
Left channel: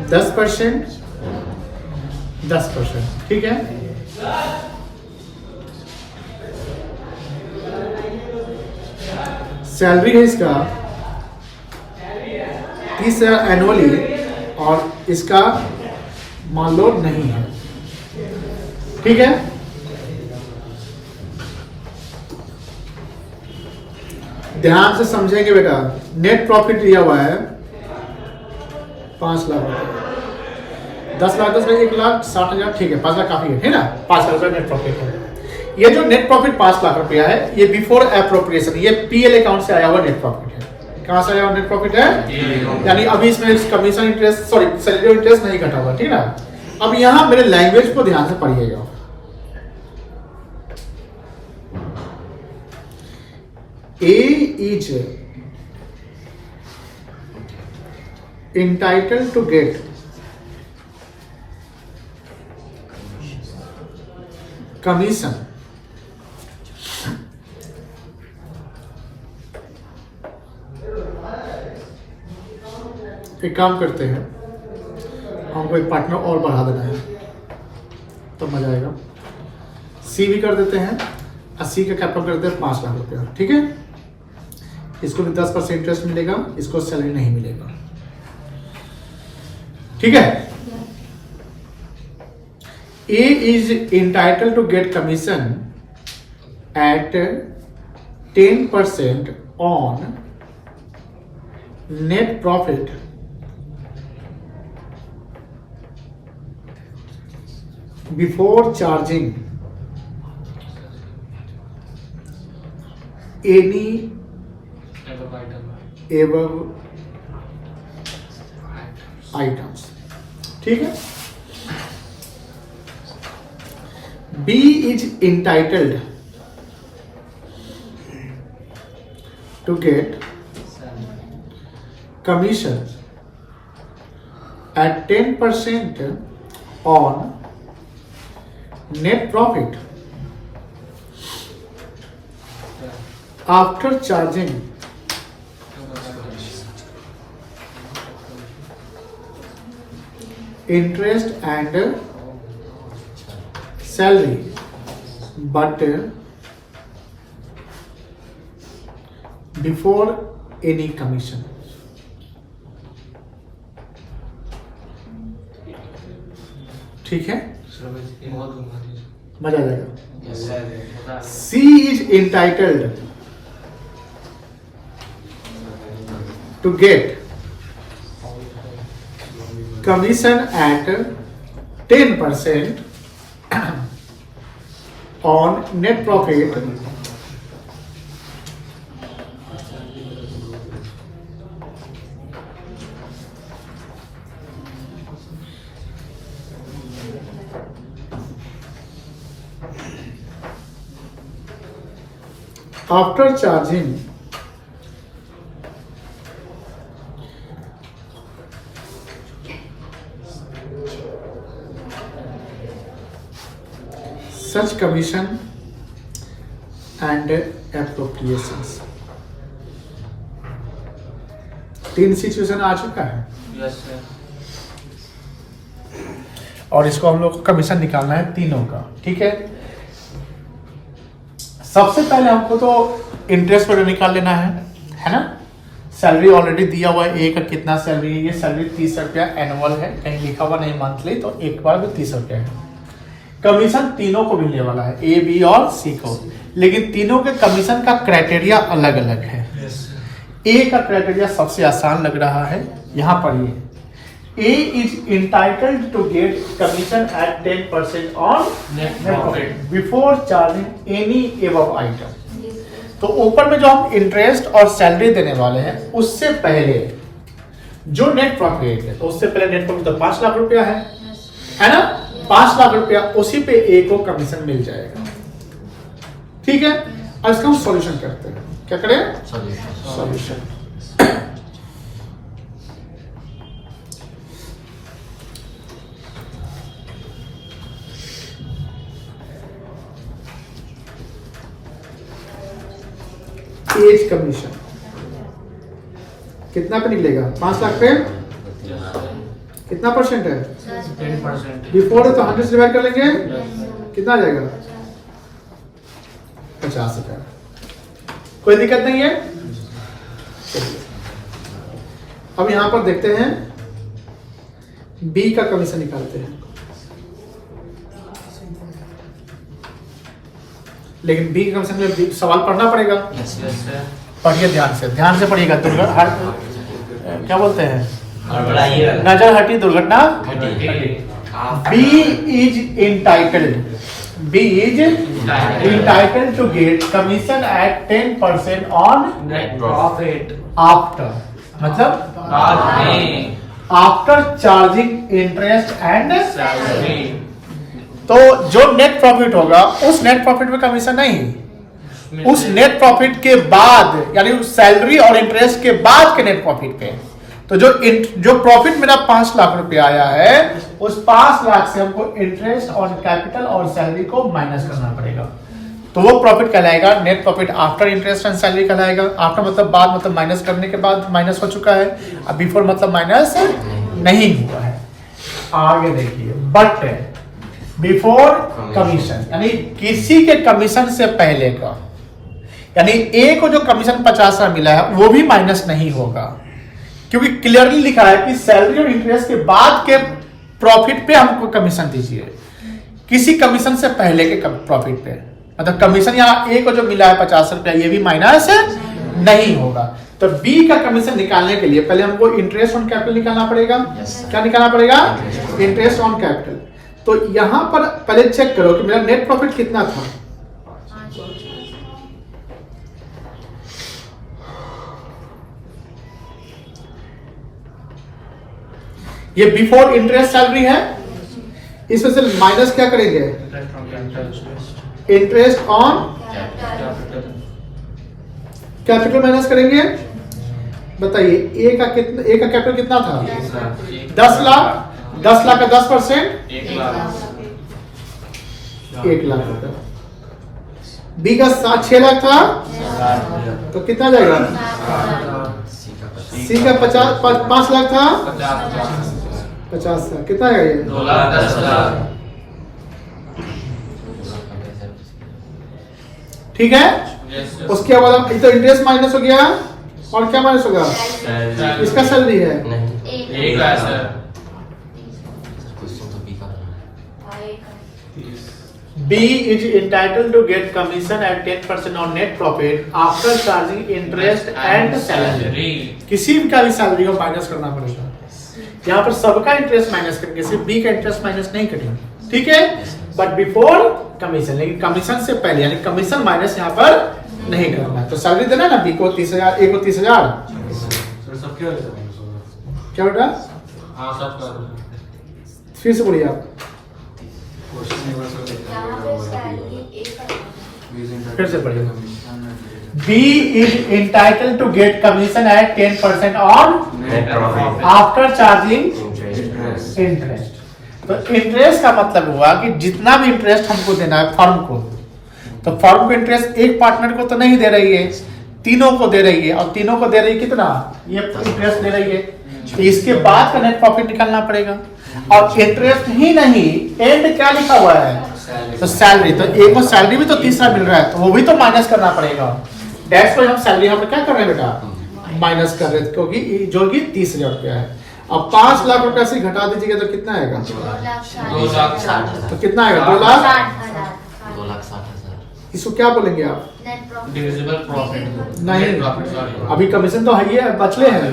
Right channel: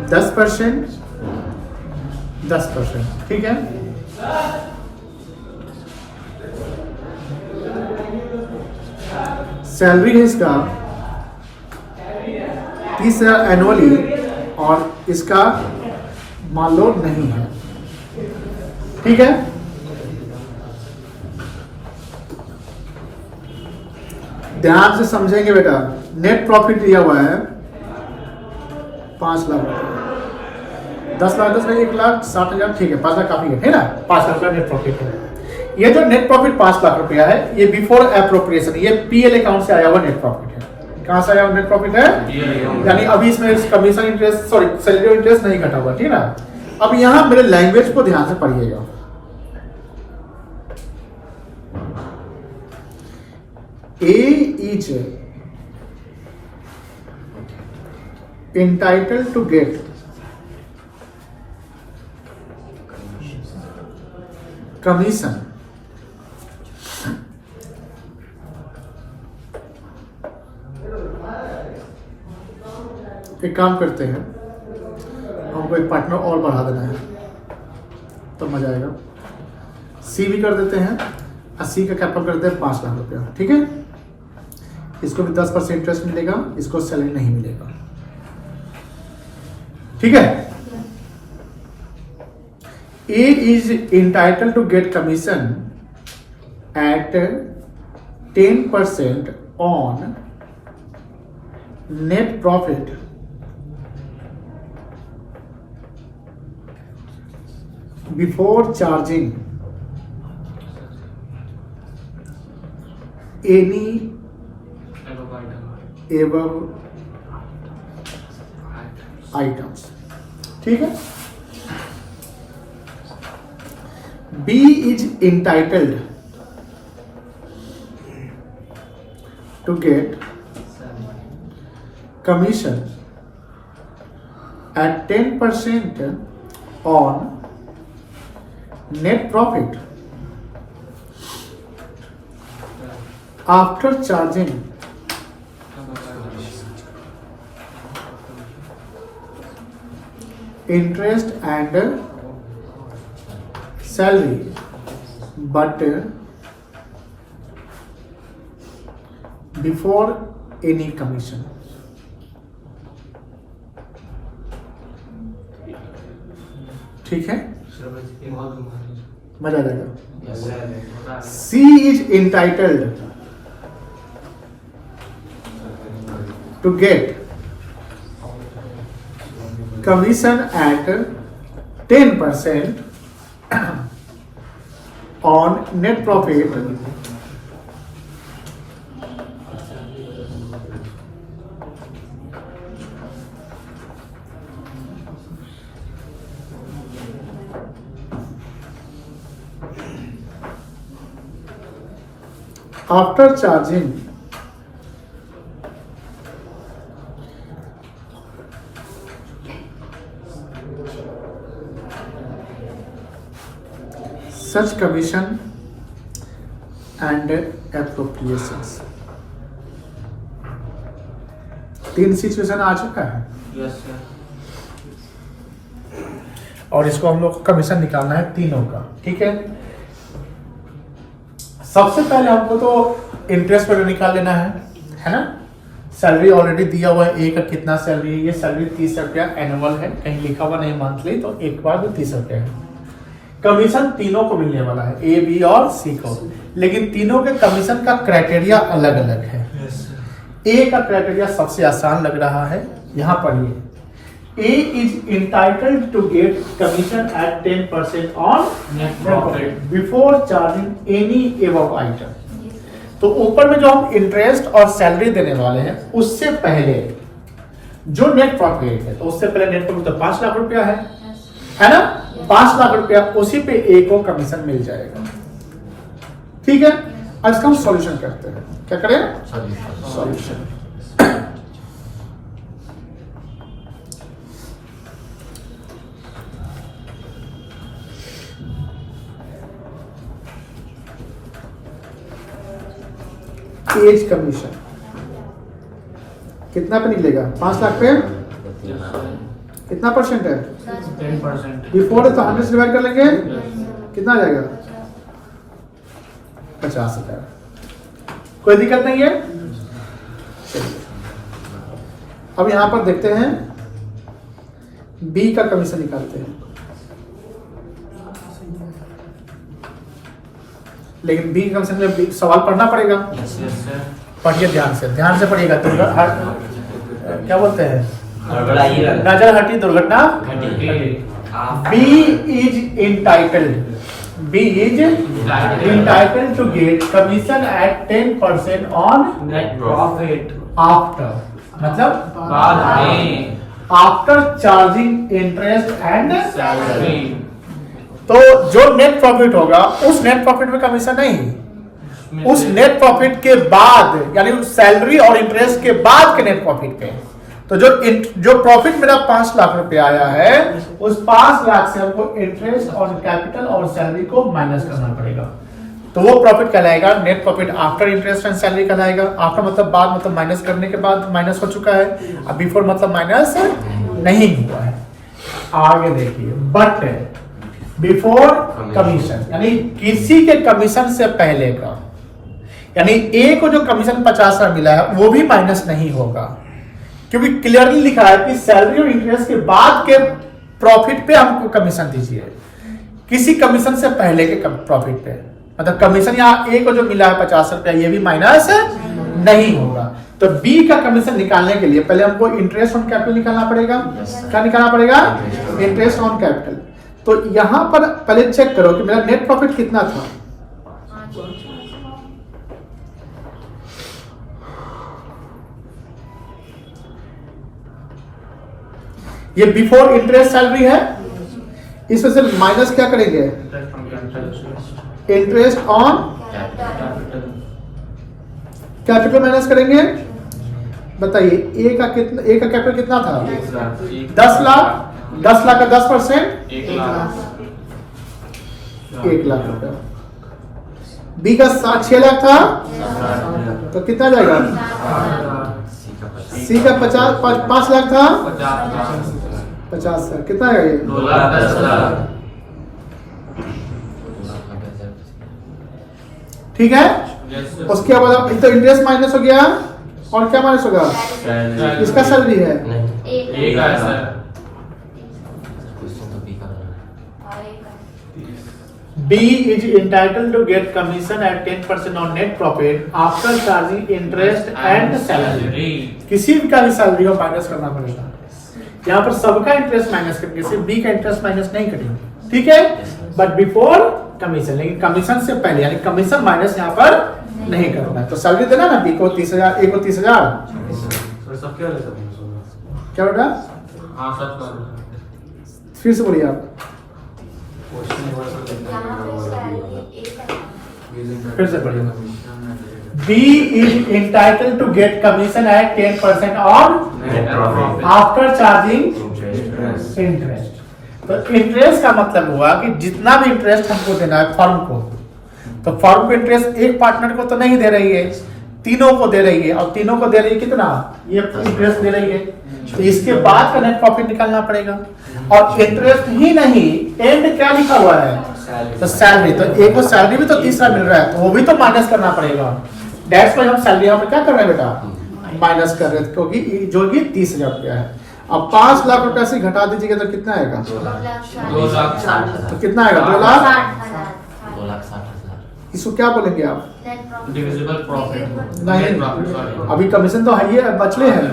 10%, 10%, ठीक है। सैलरी है इसका 30,000 एनुअली और इसका मान लो नहीं है, ठीक है। ध्यान से समझेंगे बेटा, नेट प्रॉफिट दिया हुआ है 5 लाख रुपए, 10 लाख 10 में 1,60,000, ठीक है, 5 लाख काफी है ना। 5 लाख रुपया नेट प्रॉफिट है। ये जो नेट प्रॉफिट 5 लाख रुपया है, ये बिफोर एप्रोप्रिएशन, ये पीएल अकाउंट से आया हुआ नेट प्रॉफिट है। कहां से आया हुआ नेट प्रॉफिट है? यानी अभी इसमें commission interest, sorry salary interest नहीं घटा हुआ, ठीक ना। अब यहां मेरे लैंग्वेज को ध्यान से पढ़िएगा। A is entitled to get commission एक काम करते हैं, हमको एक पार्टनर और बढ़ा देना है तो मजा आएगा। सी भी कर देते हैं, 80 का कैपिटल कर देते हैं 5 लाख रुपया, ठीक है। इसको भी 10% इंटरेस्ट मिलेगा, इसको सैलरी नहीं मिलेगा, ठीक है। A is entitled to get commission at 10% on net profit before charging any above items, ठीक है। B is entitled to get commission at 10% on net profit after charging interest and salary, but before any commission, ठीक है। मजा आ जाएगा। C is entitled to get commission at 10% on net profit after charging such commission and appropriations। 3 situation आ चुका है और इसको हम लोग कमीशन निकालना है तीनों का, ठीक है। सबसे पहले हमको तो इंटरेस्ट पर निकाल लेना है ना। सैलरी ऑलरेडी दिया हुआ है, ए का कितना सैलरी है, ये सैलरी 30 रुपया एनुअल है, कहीं लिखा हुआ नहीं मंथली, तो एक बार भी 30 रुपया है। कमीशन तीनों को मिलने वाला है, ए बी और सी को, लेकिन तीनों के कमीशन का क्राइटेरिया अलग अलग है। ए का क्राइटेरिया सबसे आसान लग रहा है, यहाँ पर ये A is entitled to get commission at 10% on net profit before charging any above item। तो ऊपर में जो हम इंटरेस्ट और सैलरी देने वाले हैं उससे पहले जो नेट प्रॉफिट है, तो उससे पहले नेट प्रॉफिट तो 5 लाख रुपया है ना। 5 लाख रुपया उसी पे ए को कमीशन मिल जाएगा, ठीक है। अब इसका हम सॉल्यूशन करते हैं। क्या करें? सॉल्यूशन। एज कमीशन कितना पे निकलेगा? 5 लाख पे कितना परसेंट है? 10%। बिफोर है तो 100 से डिवाइड कर लेंगे, कितना आ जाएगा? 50,000। कोई दिक्कत नहीं है। अब यहां पर देखते हैं बी का कमीशन निकालते हैं, लेकिन बी का कमीशन में सवाल पढ़ना पड़ेगा। पढ़िए ध्यान से पढ़िएगा। क्या बोलते हैं? नजर हटी दुर्घटना B is entitled to get commission at 10% on net profit after, मतलब after charging interest and salary. तो जो नेट प्रॉफिट होगा उस नेट प्रॉफिट में कमीशन नहीं, उस नेट प्रॉफिट के बाद, यानी सैलरी और इंटरेस्ट के बाद के नेट प्रॉफिट पे। तो जो प्रॉफिट मेरा 5 लाख रुपए आया है, उस 5 लाख से हमको इंटरेस्ट ऑन कैपिटल और सैलरी को माइनस करना पड़ेगा। तो वो प्रॉफिट कहलाएगा net profit after interest and salary कहलाएगा। आफ्टर मतलब बाद, मतलब माइनस करने के बाद माइनस हो चुका है। अब बिफोर मतलब माइनस नहीं हुआ है। आगे देखिए, बट बिफोर कमीशन, यानी किसी के कमीशन से पहले का, यानी ए को जो कमीशन 50,000 मिला है वो भी माइनस नहीं होगा, क्योंकि क्लियरली लिखा है कि सैलरी और इंटरेस्ट के बाद के प्रॉफिट पे हमको कमीशन दीजिए, किसी कमीशन से पहले के प्रॉफिट पे। मतलब कमीशन यहाँ ए को जो मिला है 50 रुपया, ये भी माइनस नहीं होगा। तो बी का कमीशन निकालने के लिए पहले हमको इंटरेस्ट ऑन कैपिटल निकालना पड़ेगा। क्या निकालना पड़ेगा? Interest on capital. तो यहां पर पहले चेक करो कि मेरा नेट प्रॉफिट कितना था। ये बिफोर इंटरेस्ट सैलरी है, इसमें से माइनस क्या करेंगे? इंटरेस्ट ऑन कैपिटल माइनस करेंगे। बताइए ए का कैपिटल कितना था? 10 लाख। 10 लाख का 10% 1 लाख रुपया। बी का 6 लाख था, तो कितना जाएगा? सी का 5 लाख था, 50 लाख। कितना है ये? 2,10,000। ठीक है। उसके बाद तो इंटरेस्ट माइनस हो गया, और क्या माइनस होगा? इसका सैलरी है। एक है sir. B is entitled to get commission at 10% on net profit after charging interest and salary। किसी भी का भी सैलरी हो माइनस करना पड़ेगा। यहाँ पर सबका इंटरेस्ट माइनस करेंगे, सिर्फ बी का इंटरेस्ट माइनस नहीं करेंगे। ठीक है, बट बिफोर कमीशन, लेकिन कमीशन से पहले, यानी कमीशन माइनस यहाँ पर नहीं करना है। तो सैलरी देना ना, बी को 30,000, ए को 30,000। क्या बेटा? हाँ सर। फिर से बोलिए आप, फिर से पढ़िए। B is entitled to get commission at 10% on after charging interest। तो इंटरेस्ट का मतलब हुआ कि जितना भी इंटरेस्ट हमको देना है फर्म को, तो फर्म को इंटरेस्ट एक पार्टनर को तो नहीं दे रही है, तीनों को दे रही है। और तीनों को दे रही है कितना? ये इंटरेस्ट दे रही है। तो इसके बाद का नेट प्रॉफिट निकालना पड़ेगा। और इंटरेस्ट ही नहीं, एंड क्या लिखा हुआ है? तो सैलरी। तो एक को सैलरी भी तो तीसरा मिल रहा है, तो वो भी तो माइनस करना पड़ेगा। दैट्स व्हाई हम सैलरी यहाँ पे क्या कर रहे हैं बेटा? माइनस कर रहे हैं, क्योंकि जो कि 30,000 रुपया है। अब 5 लाख रुपया से घटा दीजिएगा तो कितना आएगा? 2,60,000। तो कितना आएगा? 2,60,000। 2,60,000। इसको क्या बोलेंगे आप? डिविजिबल प्रॉफिट नहीं, अभी कमीशन तो है, ये बचले हैं।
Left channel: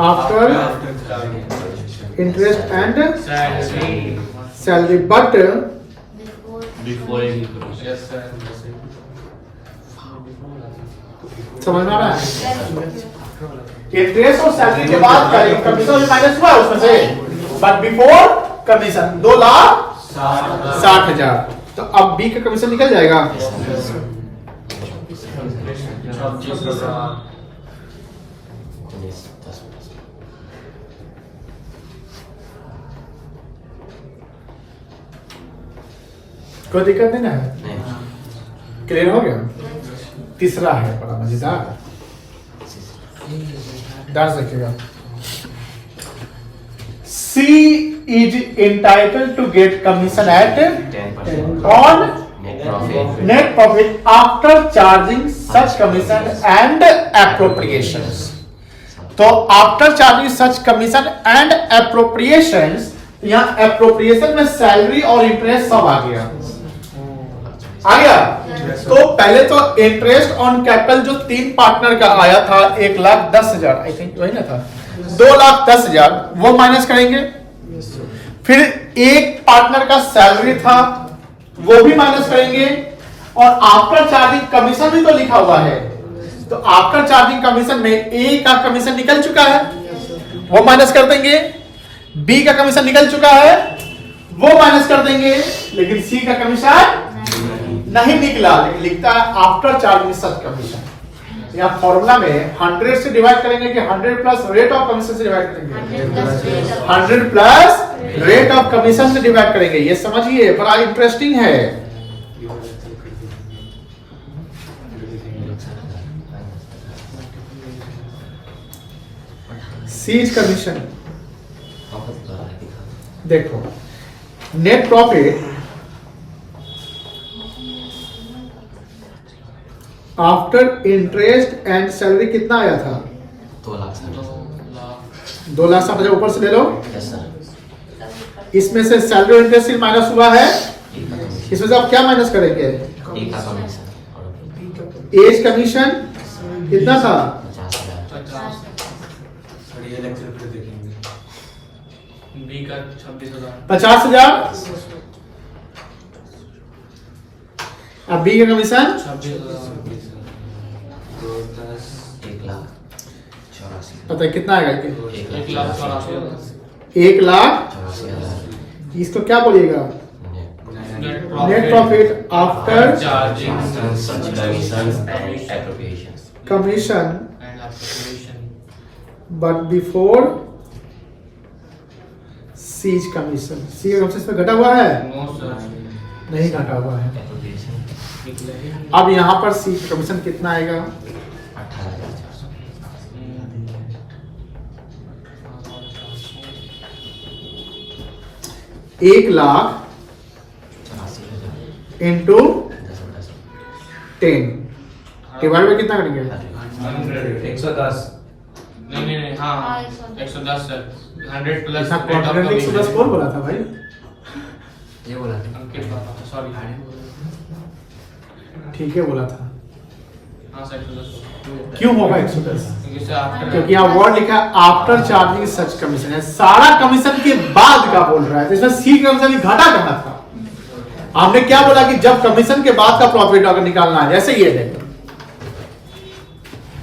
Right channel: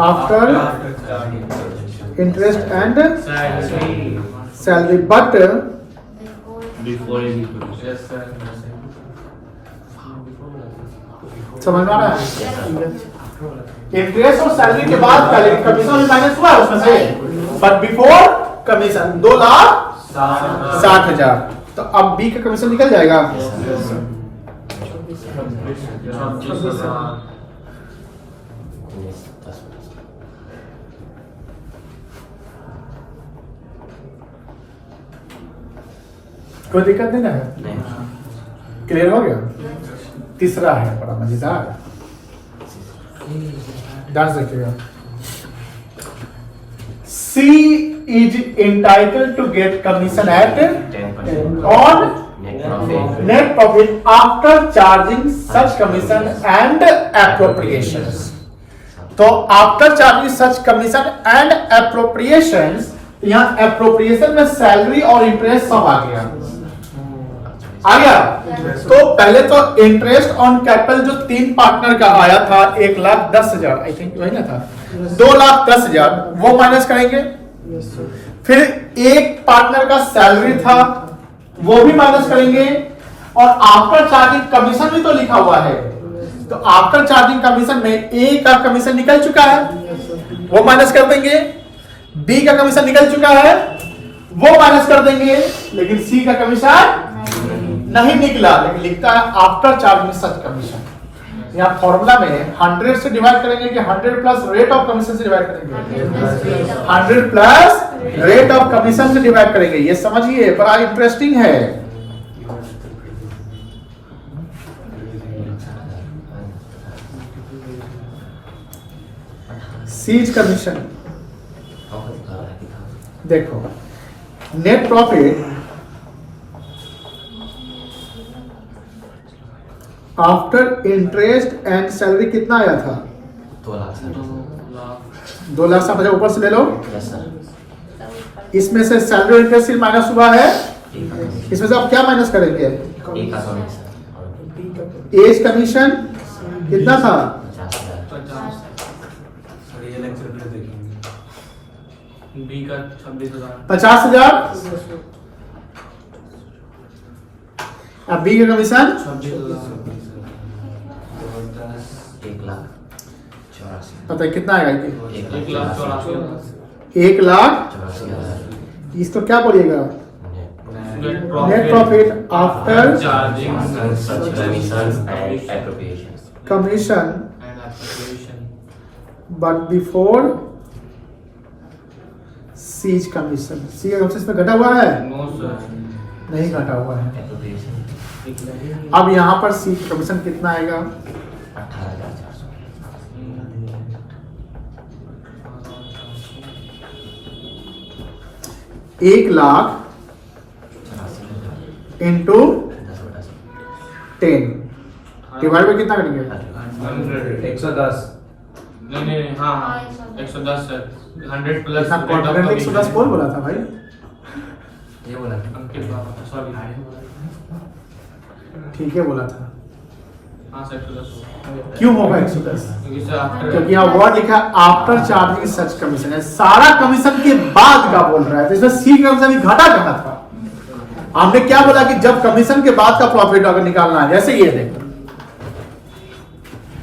After interest and salary, but Before समझ में आ रहा है? इंटरेस्ट और सैलरी के बाद कमीशन माइनस हुआ उसमें से, बट बिफोर कमीशन 2,60,000 60,000। तो अब बी का कमीशन निकल जाएगा। कोई दिक्कत नहीं ना है? क्लियर हो गया? तीसरा है बड़ा मजेदार, ध्यान से देखिएगा। C is entitled to get commission at 10% on net profit. net profit after charging such commission and appropriations। तो after charging such commission and appropriations, यहाँ एप्रोप्रिएशन में सैलरी और इंटरेस्ट सब आ गया। तो पहले तो इंटरेस्ट ऑन कैपिटल जो 3 पार्टनर का आया था 1,10,000, आई थिंक वही ना था, 2,10,000 वो माइनस करेंगे। फिर एक पार्टनर का सैलरी था वो भी माइनस करेंगे, और आफ्टर चार्जिंग कमीशन भी तो लिखा हुआ है, तो आफ्टर चार्जिंग कमीशन में ए का कमीशन निकल चुका है वो माइनस कर देंगे, बी का कमीशन निकल चुका है वो माइनस कर देंगे, लेकिन सी का कमीशन नहीं निकला, लेकिन लिखता है आफ्टर चार्जिंग सच कमीशन। यहाँ फॉर्मूला में 100 से डिवाइड करेंगे कि 100 प्लस रेट ऑफ कमीशन से डिवाइड करेंगे, 100 प्लस रेट ऑफ कमीशन से डिवाइड करेंगे। ये समझिए बड़ा इंटरेस्टिंग है। सीज कमीशन देखो, net profit after interest and salary कितना आया था? 2,60,000 ऊपर से ले लो। Yes sir. इसमें से सैलरी और इंटरेस्ट माइनस हुआ है, इसमें से आप क्या माइनस करेंगे? एज कमीशन कितना था? 50,000। अब बी का कमीशन 1,84,000। पता है कितना आएगा? 1,84,000। 1,84,000। इसको क्या बोलिएगा? Net profit after charging Such commissions and appropriations. Commission and appropriation. But before C's commission. C का कमीशन इसमें घटा हुआ है? No sir. नहीं घटा हुआ है। Appropriation अब यहाँ पर सी कमीशन कितना आएगा? 18,400। 1,84,000 इंटू 10 डिवाइड में कितना करेंगे? 110। नहीं हाँ 110 सर। 100 प्लस ऐसा कॉन्फिडेंट 110 कौन बोला था भाई? ये बोला अंकित सॉरी। ठीक है बोला था। हाँ सर 110। क्यों होगा 110? आफ्टर क्योंकि यहाँ वर्ड लिखा है आफ्टर चार्जिंग सच कमीशन है, सारा कमीशन के बाद का बोल रहा है, तो इसमें सी कमीशन घटा कहाँ था? हमने क्या बोला कि जब कमीशन के बाद का प्रॉफिट अगर निकालना है, जैसे ये देखो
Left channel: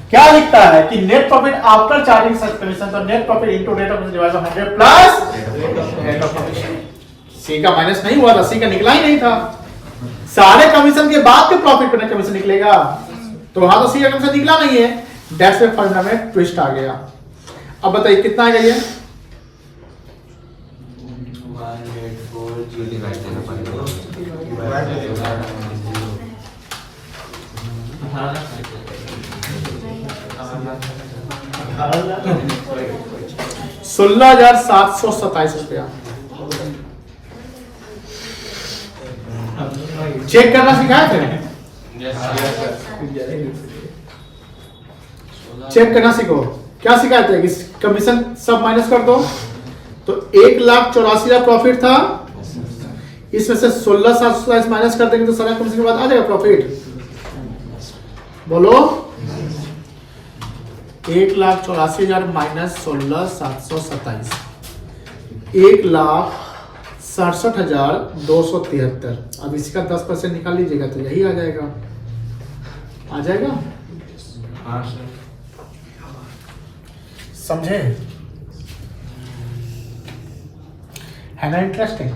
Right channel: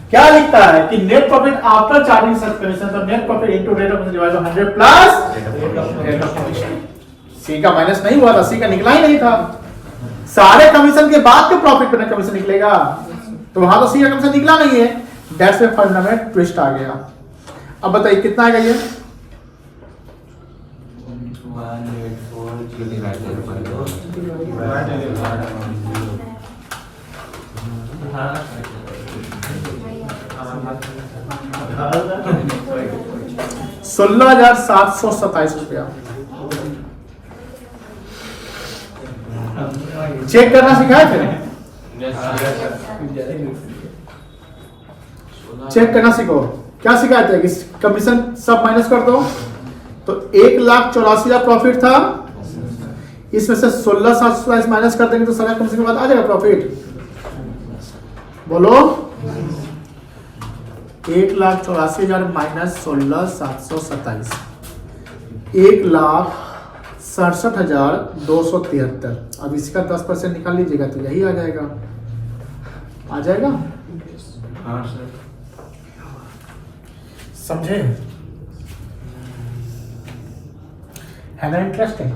क्या लिखता है कि net profit after charging such commission, तो net profit into rate of commission divide by 100 plus rate of commission. C का माइनस नहीं हुआ था, सी का निकला ही नहीं था, सारे कमीशन के बाद के प्रॉफिट पे कमीशन निकलेगा, तो वहां तो सी का कमीशन निकला नहीं है, दैट्स व्हाई फॉर्मूला में ट्विस्ट आ गया। अब बताइए कितना आ गया ये? 16,727 रुपया। चेक करना सिखाए थे? चेक करना सीखो। क्या सिखाए थे? कि कमीशन सब माइनस कर दो, तो 1,84,000 प्रॉफिट था, इसमें से 16,727 माइनस कर देंगे तो सारा कमीशन के बाद आ जाएगा प्रॉफिट। बोलो 1,84,000 माइनस 16,727 1,67,273। अब इसका 10% निकाल लीजिएगा तो यही आ जाएगा। आ जाएगा? हाँ सर। समझे? है ना इंटरेस्टिंग?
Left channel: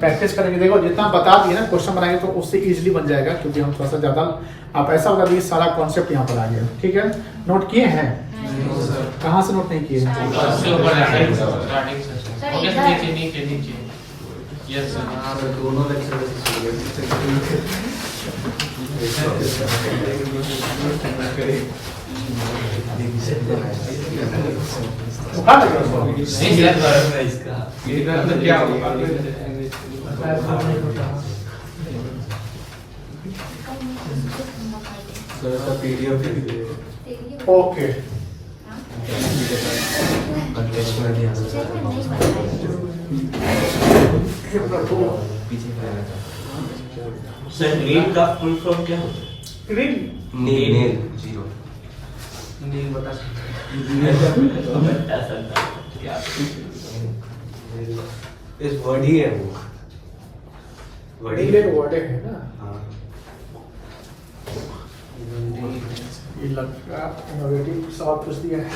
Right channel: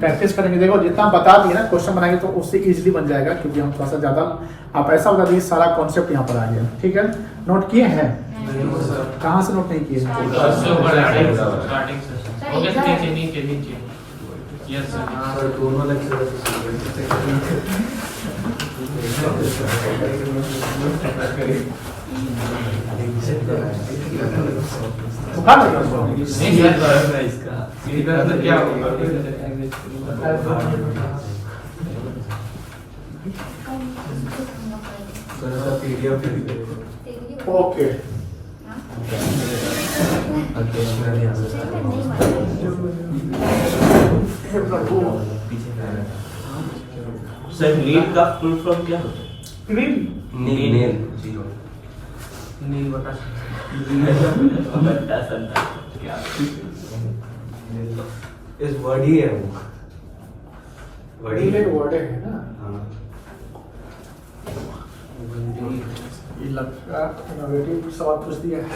प्रैक्टिस करेंगे, देखो जितना बता दिए ना क्वेश्चन बनाएंगे तो उससे इजीली बन जाएगा, क्योंकि हम थोड़ा सा ज़्यादा आप ऐसा बता दीजिए सारा कॉन्सेप्ट यहाँ पर आ गया, ठीक है। नोट किए हैं? कहाँ से नोट नहीं किए हैं? उससे ऊपर है स्टार्टिंग से। ओके सर, नीचे यस सर। हाँ दोनों लेक्चर हाँ, नहीं यार इसका इधर तो क्या होगा? PDF okay. अंकेश में सर नीट का फुल फॉर्म क्या होता है? नील नील जीरो नहीं बता इस वर्ड ही है बुक नीले वर्ड है ना, हाँ ये लगता इनोवेटिव सवाल पूछ दिया है।